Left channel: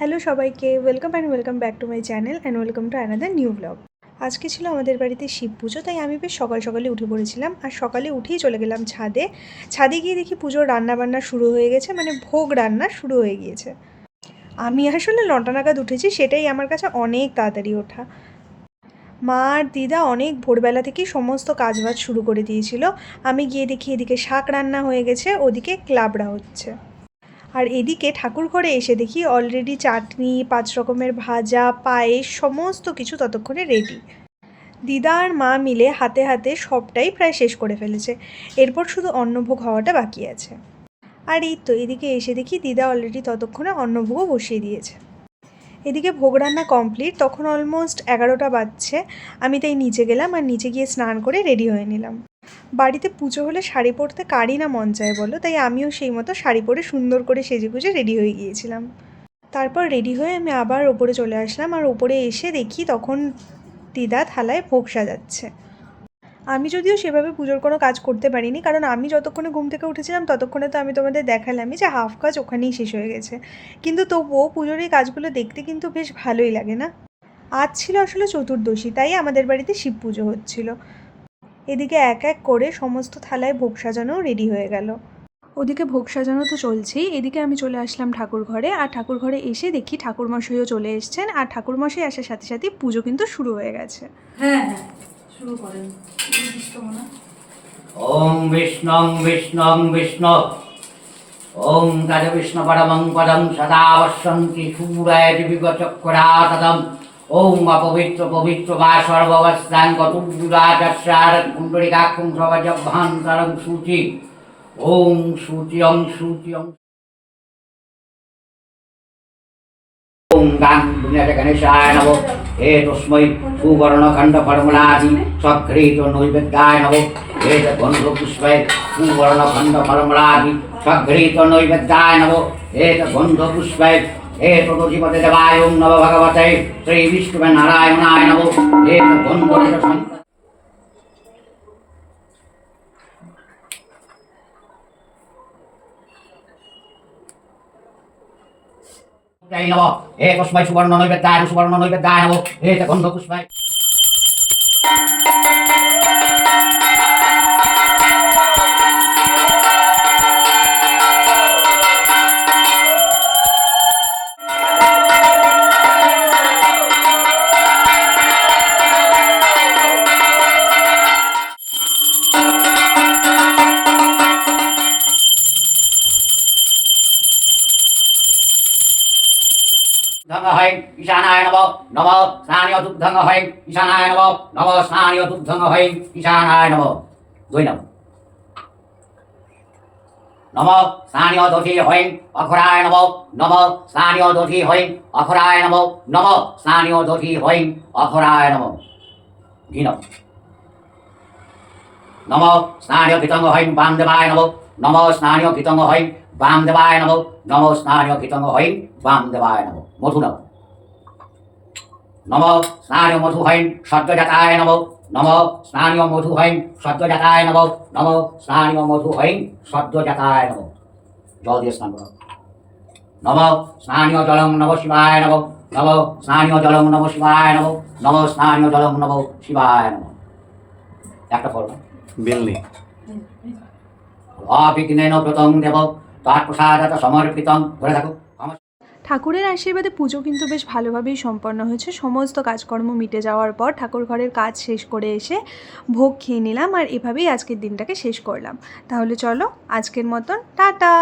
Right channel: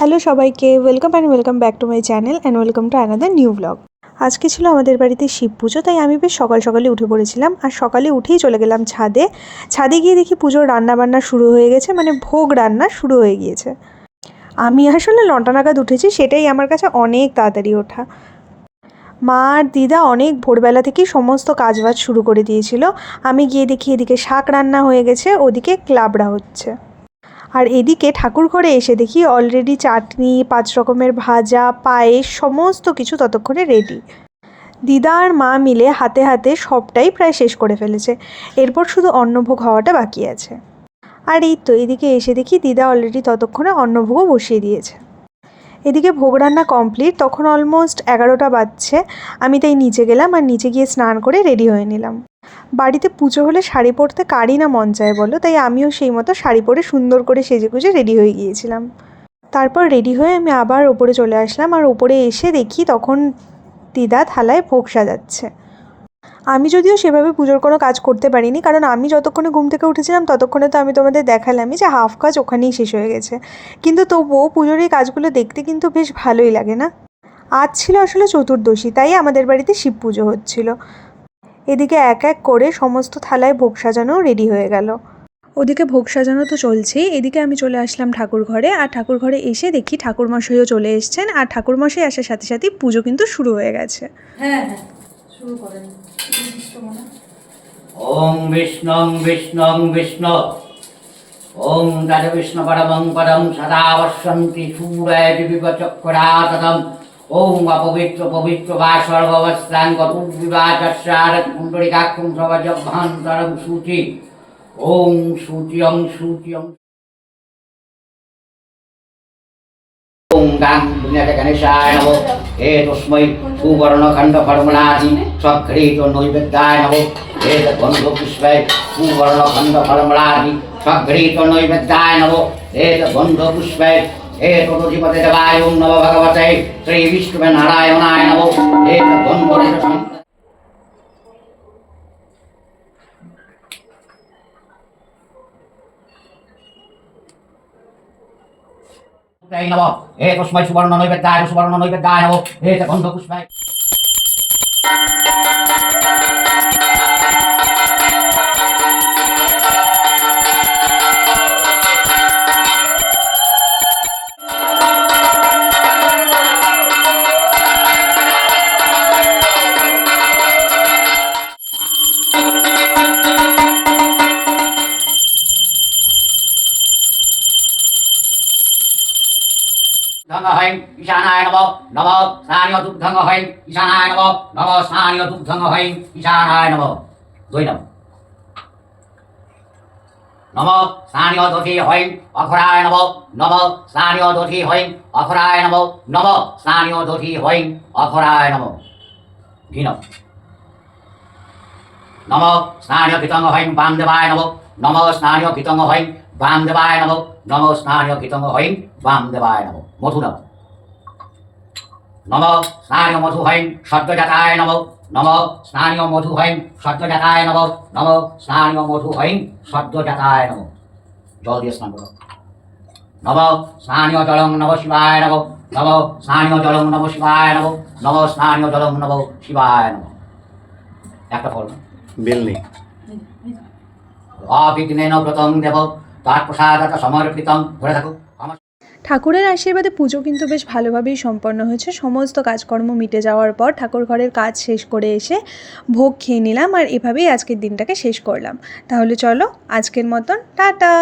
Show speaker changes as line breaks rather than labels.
Hello সবাইকে welcome and welcome back to my channel and welcome to another new blog আজকে ছিল আমাদের বাড়িতে শিব পুজো, তাই আমি বেশ সকাল সকালে উঠে পড়েছিলাম আর সকালে উঠেই চলে গেলাম ছাদে। ছাদে গিয়ে দেখি পুজোর রান্না বান্না শুরু হয়ে গেছে মানে ভোগ রান্না শুরু হয়ে গিয়েছে। আমি আসলে নটা নাগাদ উঠেছি, সেটাই আমার কাছে অনেক তাড়াতাড়ি ওঠা। মা আর দিদা অনেক ভোরবেলা থেকেই সমস্ত কাজবাজ শুরু করে দিয়েছিল। আমি গিয়ে দেখি এদিকে শাক রান্না হয়ে গেছে, ওদিকে ক্লাবড়া হচ্ছে। আর এদিকে ঠাকুর ঘরে এসে দেখি অলরেডি চাটনি, পাঁচ রকমের ভাজা, পায়েস, সমস্ত কিছু ততক্ষণে রেডি দিদা আর মা মিলে হাতে হাতে সবটাই প্রায় শেষ করে ফেলেছে। এরপর শুধু অন্নভোগ হওয়াটা বাকি আছে। আর এই তো, এদিকে এসে দেখি দিদা অলরেডি ততক্ষণে অন্নভোগও বসিয়ে দিয়েছে। এদিকে ভোগ রান্না কমপ্লিট তখন অলমোস্ট এগারোটা বাজছে। আমি তাই নিচে গেলাম আর নিচে গিয়ে স্নান করে রেডি হয়ে নিলাম। বাড়িতে পুজো হলে শাড়ি পরতে কারই না মন চায় বলো, তাই আমিও সেই মতো শাড়ি পরে সুন্দর করে সেজে গুজে রেডি হয়ে গিয়েছিলাম। তারপর রেডি হয়ে আমি আবার ওপরে চলে আসলাম আর ওপরে এসে দেখি তখন দিদা থালায় ভোগ সাজাচ্ছে। আমি যদিও সেভাবে পুজোর কোনো কাজ করতে পারিনি, কারণ আমি যতক্ষণে ঘুম থেকে উঠেছিলাম ততক্ষণে তো আমি তোমাদের দেখালামই যে হাফ কাজ ওখানেই শেষ হয়ে গেছে। কিন্তু তবুও পুজোর এই কাজগুলো দেখতে কিন্তু বেশ ভালোই লাগে না। আজ ছিল আসলে চতুর্দশী, তাই আমাদের বাড়িতে শিব পুজো হচ্ছিল। এদিকে এক এক করে সমস্ত থালায় ভোগ সাজানো রেডি হয়ে গেল। ওদিকে ভোগ সাজানো তো চলছেই এদিকে আমি চলে আসলাম ঠাকুর ঘরে আর ঠাকুর ঘরে এসে দেখি ঠাকুরমশাইও চলে এসছেন আর ঠাকুরমশাই আসার সাথে সাথেই পুজো কিন্তু শুরু হয়ে গেছে।
হ্যাঁ হ্যাঁ শুরু করেন। মনে
ওং বিষ্ণুং বিষ্ণুং। বিষ্ণু ওং তদ বিষ্ণু পরমং পদম সদা বসন্তি সূরায় দিবিগচক্রাতদম ওং অপবিত্র পবিত্র বা সর্ববস্ত্রাং গতুর্বিবাচার কুণ্ডলিকাক্ষুং সবজভান্তরং সূচি। ওং সূচিয়ং সূচিয়ং। ওং গাং বিনাশ গণেশায় নমো। হে সঘ্রেত নৈবেদ্যায় নমো। হে নমো। হে গন্ধ সুবর্ণ নৈবেদ্যায় সুবর্ণ নৈবেদ্যায় নম। হে গন্ধপুষ্পে দুগ্ধং হয় ঈশানায় নম নম স্নানীয় দুগ্ধং হয় ঈশানায় নম নম স্নানীয় দুগ্ধং হয় ঈশানায় নম, দুই নম। নম স্নানীয় দধি হয় অখরায় নম নম স্নানীয় দধি হয় অখরায় নম নম স্নানীয় দধি হয় অখরায় নম। ঘি নম। নম স্নানীয় কীতঙ্গ হয় বামদেবায় নম নম স্নানীয় কীতঙ্গ হয় বামদেবায় নম নম স্নানীয় কীতঙ্গ হয় বামদেবায় নম মধু নম নম স্নানীয় মধু হয় সদ্যজাতায় নম নম স্নানীয় মধু হয় সদ্যজাতায় নম নম স্নানীয় মধু হয় সদ্যজাতায় নম। জল দিয়ে স্নান করো। নম স্নানীয় জলং নম শিবায় নম নম স্নানীয় জলং নম শিবায় নম নম স্নানীয় জলং নম শিবায় নম। একটা ফল। না
বেল নেই।
অবিঘ্নেন ব্রতং দেব তার প্রসাদত সমর্পিতং ঘুরে
ঠাকুরের আশীর্বাদে পুজো কিন্তু বেশ ভালোভাবেই সম্পন্ন হয়েছে। সমস্ত কাজকর্ম মিটে যাওয়ার পর ঠাকুর ঘরের কাজ শেষ করে এসে ভোগ খেয়ে নিলাম আর এভাবেই আজকের দিনটাকে শেষ করলাম। তাহলে চলো, আজকের মতন টাটা।